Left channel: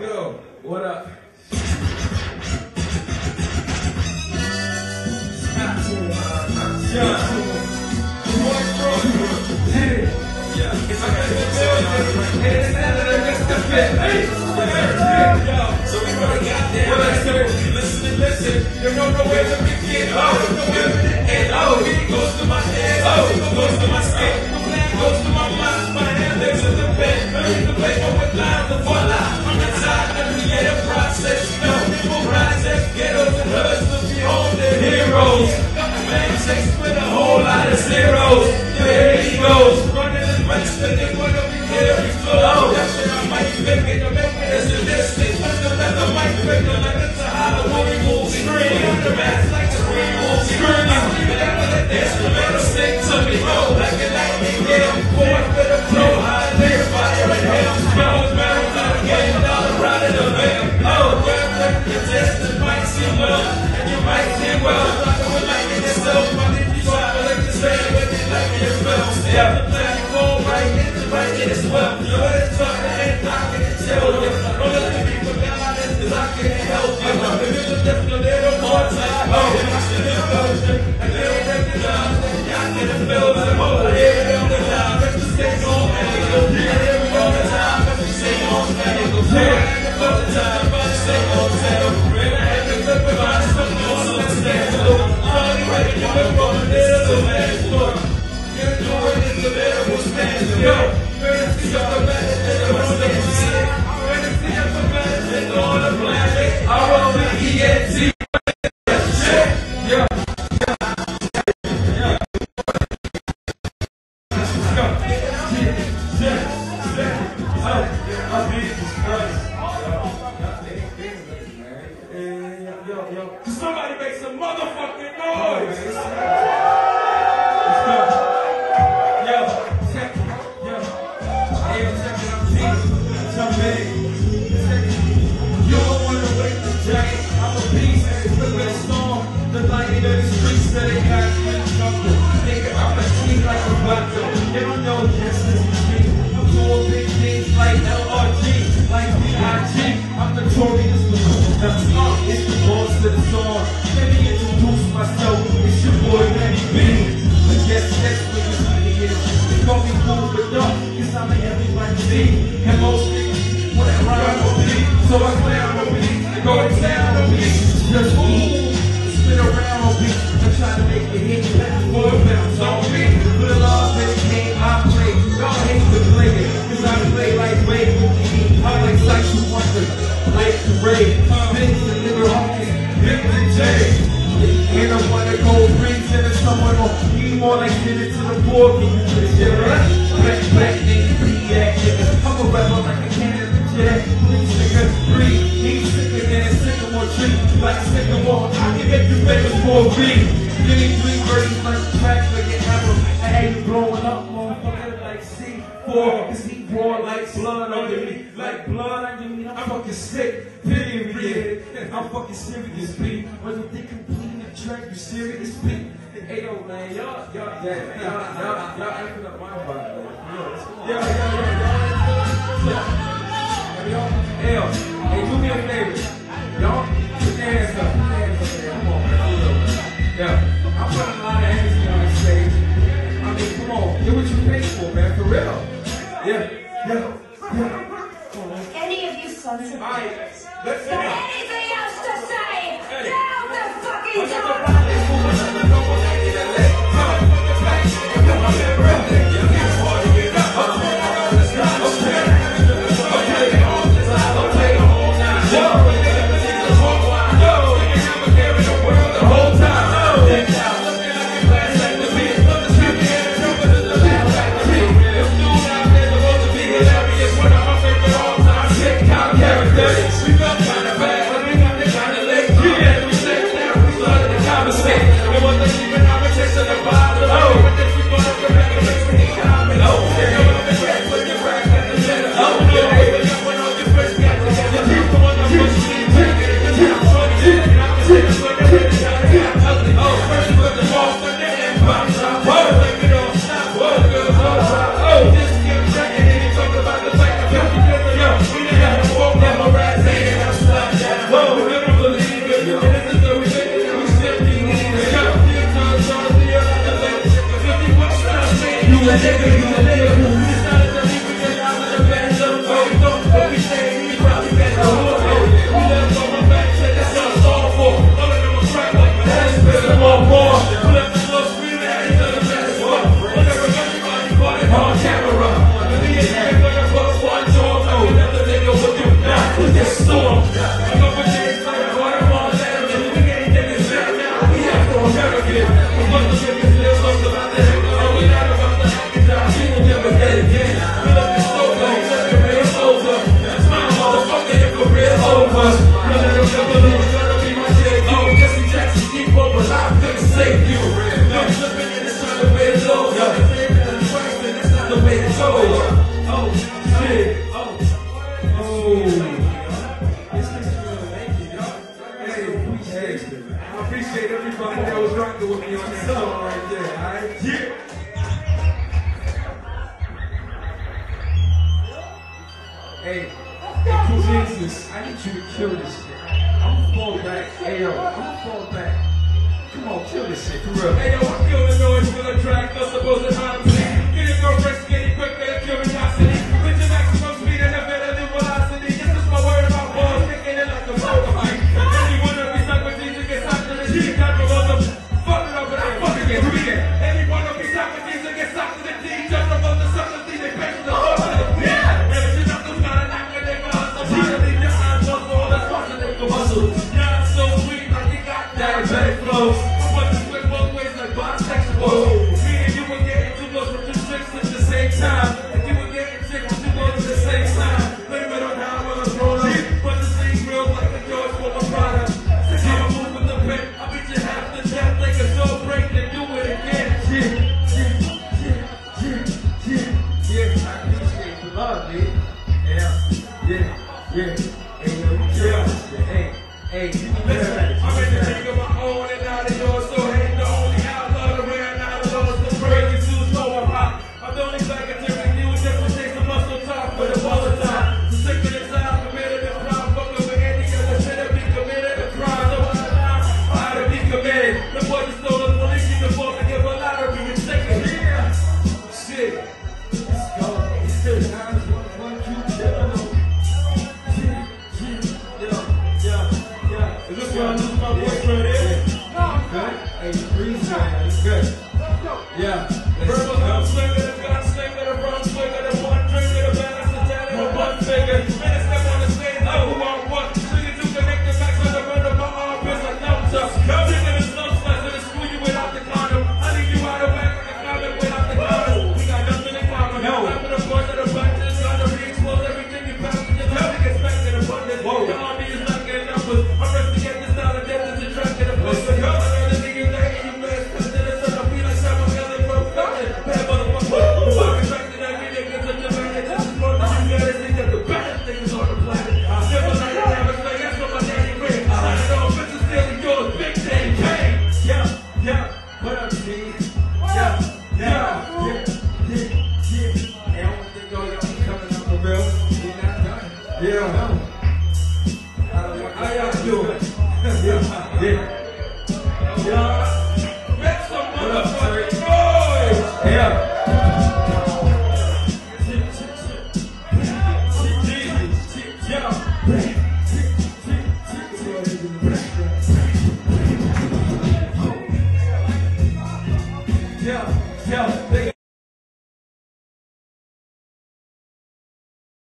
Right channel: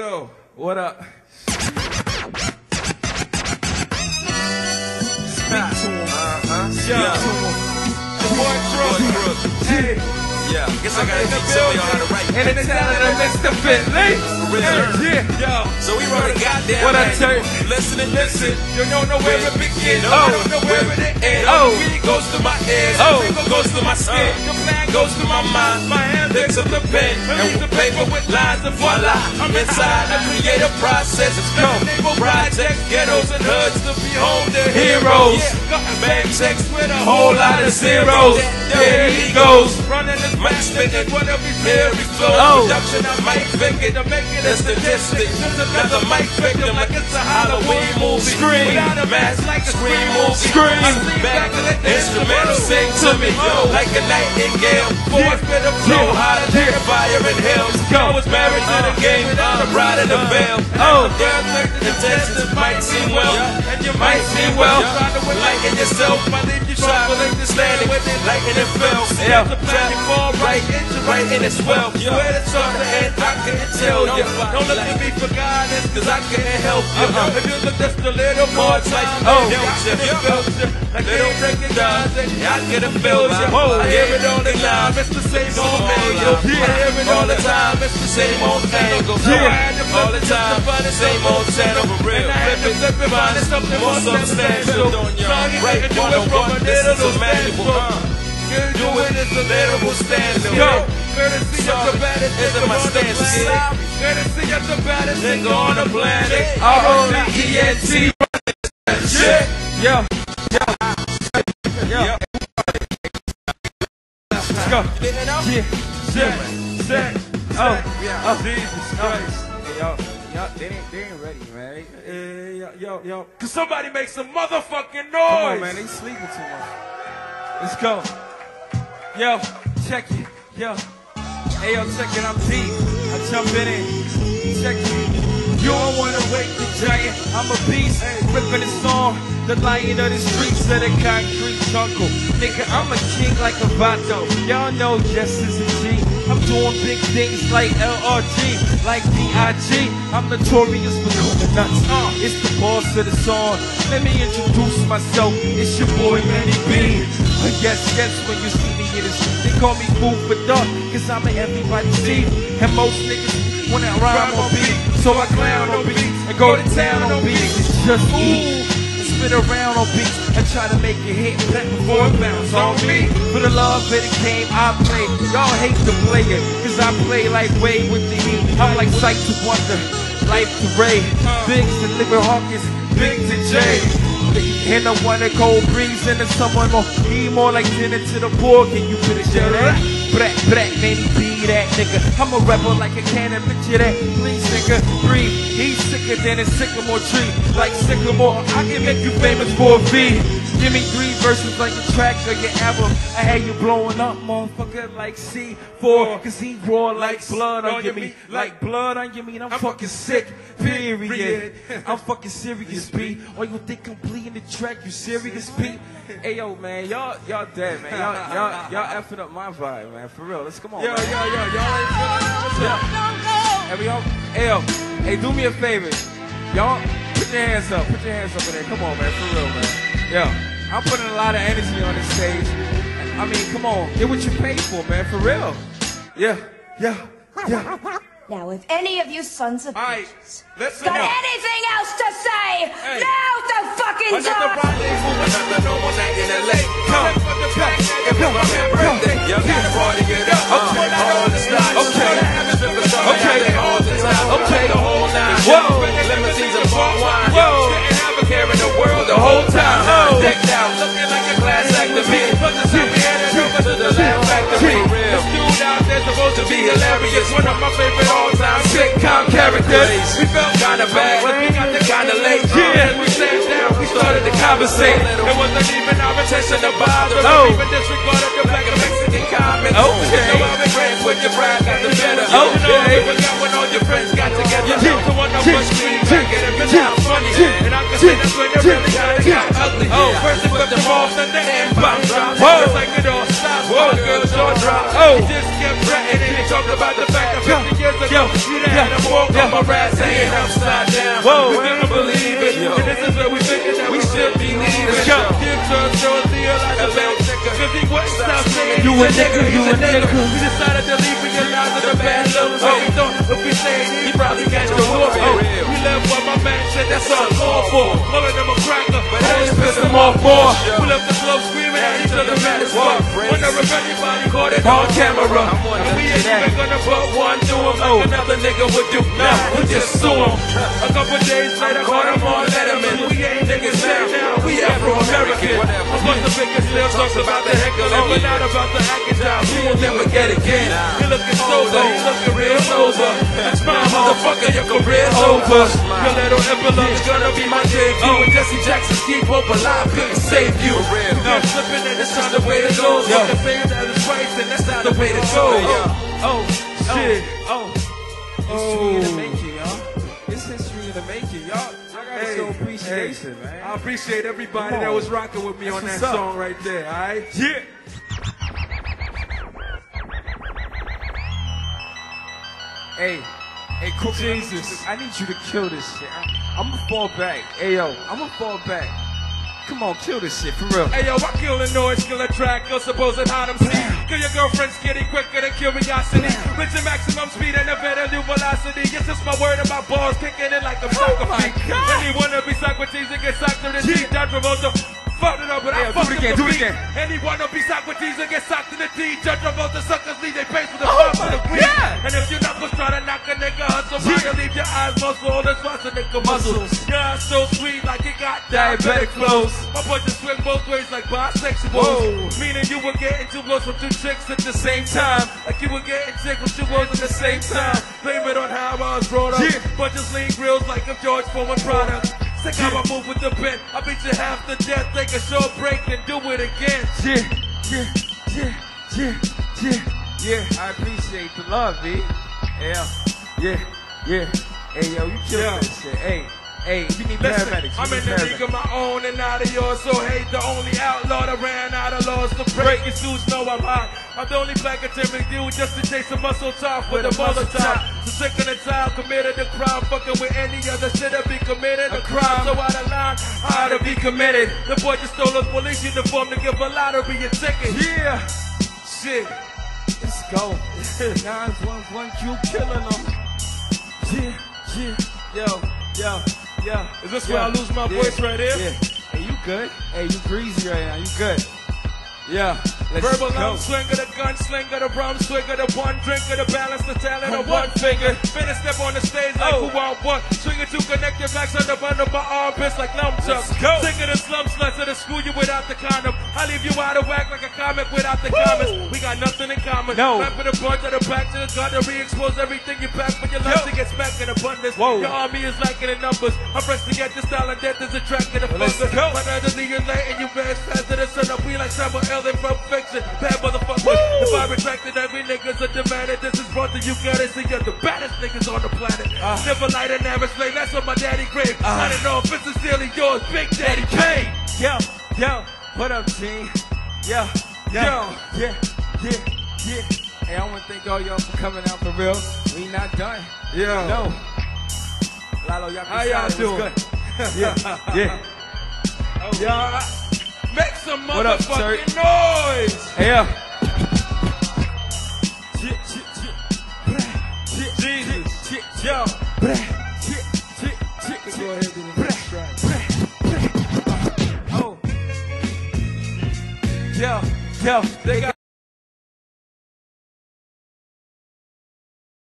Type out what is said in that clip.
Yo, what up? Yeah. Yeah, I guess I gotta tell y'all how to rank. And it's time that I mixed the fit. Yeah. So we run the goddamn. What I tell you? Listen. You don't know where to begin. Oh, where to end. Oh, it goes to my head. Oh, it goes to my skin. It goes to my mind. My hand picks up the pen. Read the paper with lines and voila. I'm inside. I create a process. People projects, ghettos and hoods to be home. They're heroes. Bang checks with a whole lot of zeros. There he goes. Running his mic spinning. Whatever here he flows. Production, I might pick it. It's the distance. Another mic pick it like it's a Halloween movie. Scream. Without a mask like a scream movie. Scream. Back to the instrumental sing to me. Yo, like a nightingale. Fourth with a flow. Hot air, fire and hell. Go. Married to the game. I'm riding the veil. Oh, yeah. The testers might see well. And you might see well. Liking yourself. You try to let the stand. Liking it fell. Yeah. The platform right in its well. Where to start the head, I can't tell you. Don't let me for guidance, cause I can't help you. If you look just a little more, it's like, oh, you feel like they don't break it down. I get a feel. I hear it on the line, Mr. Same old man. I hear it all the time, Mr. Same old tango. All the time, same old tango. Real everybody, more substantial. Right in one, this is a magical. Do it in the level stanza. Go! Courtesy of the baddest is in my stance. Courtesy of the baddest nigga on the planet. R-O-D-E-N-T. Yo. Let's go. Yo. Somebody make some motherfucking noise. Let's go. Yo, check it. Yo. Hey, I'm checking, I'm deep. I jump in. Check it. You don't want to wait the giant. I'm a beast. Ripping a song. The lion of the streets of the concrete jungle. Nigga, I'm a king like a vato. Y'all know Yesyes and G. I'm doing big things like LRG. Like D.I.G. I'm notorious for the nuts. It's the boss of the song. Let me introduce myself. It's your boy, B. Yes, when you see me, they call me food for dark, cause I'm an everybody see. And most niggas wanna rhyme on beat, so I clown on beat, and go to town on beat. Just spit around on beat, I try to make you hate, let the boy bounce on me. For the love in the game, I play, y'all hate the player, cause I play like way with the heat. I'm like Sight to Wonder, like Ray, Vince and Liver Hawkins, Vince and Jay. And I wanna go reason and someone gon' need more like dinner to the board. Can you finish that? Black, man, be that nigga. I'm a rebel like a cannon, picture that. Please, nigga, breathe. He's sicker than a sycamore tree. Like sycamore, I can make you famous for a fee. Give me 3 verses like a track or your album. I had you blowing up, motherfucker, like C4. Cause he born like blood on your meat. Like blood on your meat, I'm fucking sick, period. I'm fucking serious, B. When you think I'm bleeding the track, you serious, B? Hey, yo, man, y'all dead, man. Y'all effing up my vibe, man. For real, let's come on. Yo. Here we go. Hey, do me a favor. Y'all, put your hands up. Put your hands over there. Come on, man. For real, man. Yeah, I'm putting a lot of energy on the stage. I mean, come on, get what you paid for, man, for real. Yeah. Now, if any of you sons of bitches got anything else to say, now's the fucking time! of us. Your little envelope is gonna be my debut. Oh, Jesse Jackson, Steve Hope, but I couldn't save you. No, that's not the way it goes. Understand that it's right, and that's not the way it goes. Oh, shit. Oh. This is really the making, y'all. Hey, I appreciate everybody that was rocking with me on that song right there, alright? Yeah. Hey, cool Jesus, I need you to kill this shit. I'ma fall back. Hey, yo, I'ma fall back. Come on, kill this shit, for real. Hey, yo, I kill the noise, kill the track, no supposed how to please. Kill your girlfriend skinny quicker than curiosity. With the maximum speed and a better new velocity. It's just my word and my balls kicking it like a soccer beat. When you wanna be Socrates and get socked in the teeth, I promote them. Fuck it up, but I fuck it. Do it again. Anyone wanna be Socrates and get socked in the teeth, judge promote the suckers, they pay to the fuck for the queen. And if you're not gonna try to knock a nigga hustle, try to leave your eyes muscle on the top of nigga muscles. God so sweet like you got diabetic flows. I want to split both ways like bisexuals. Meaning you were getting two girls from two chicks at the same time. Like you were getting sick from two girls at the same time. Blame it on how I was rolling. But just leave real like a George Ford product. Sick how I move with the bit. I beat you half to death, take a short break and do it again. Yeah, I appreciate the love, dude. Yeah. Hey, yo, you killing this shit. Hey, listen, I'm in the league of my own and not of yours, so ain't the only outlaw that ran out of laws to break. You dudes know I'm hot. I'm the only black and every dude just to chase a muscle top with a buzzer top. So sick of the time, committed a crime, fucking with any other shit that be committed a crime. So out of line, I ought to be committed. The boy just stole the police uniform to give a lottery a ticket. Yeah, shit. Let's go. 911 killing them. Is this where I lose my voice right here? You good? Hey, you breathe, man. You good? Yeah. Verbal out swing of the gun, sling of the rum, swing of the one drink of the balance, the talent of one figure. Finish step on the stage like who on what? Swinging two connected backs on the bund of my armpits like thumbs up. Sick of the slum sluts and the screw you without the condom. I leave you out of whack like a comic without the comic. We got nothing in common. No. Back with the boys to the back to the gun to re-expose everything you back when your life gets back in abundance. Your army is lacking in numbers. I'm ready to get the style and death is attracted to flesh. I'm under the league and you guys faster than sun. I'll be like Samuel L. and perfection. Bad motherfucker. The bar attracted every nigga's a demanded. This is front that you got it. You're the baddest niggas on the planet. Never light it, never slay. That's what my daddy craved. I don't know if it's stealing yours. Big Daddy K. Yeah. What up, G? Yeah. Hey, I want to thank all y'all for coming out for real. We not done. Yeah. No. How y'all doing? Yeah. Make some motherfucking noise. Yeah. They got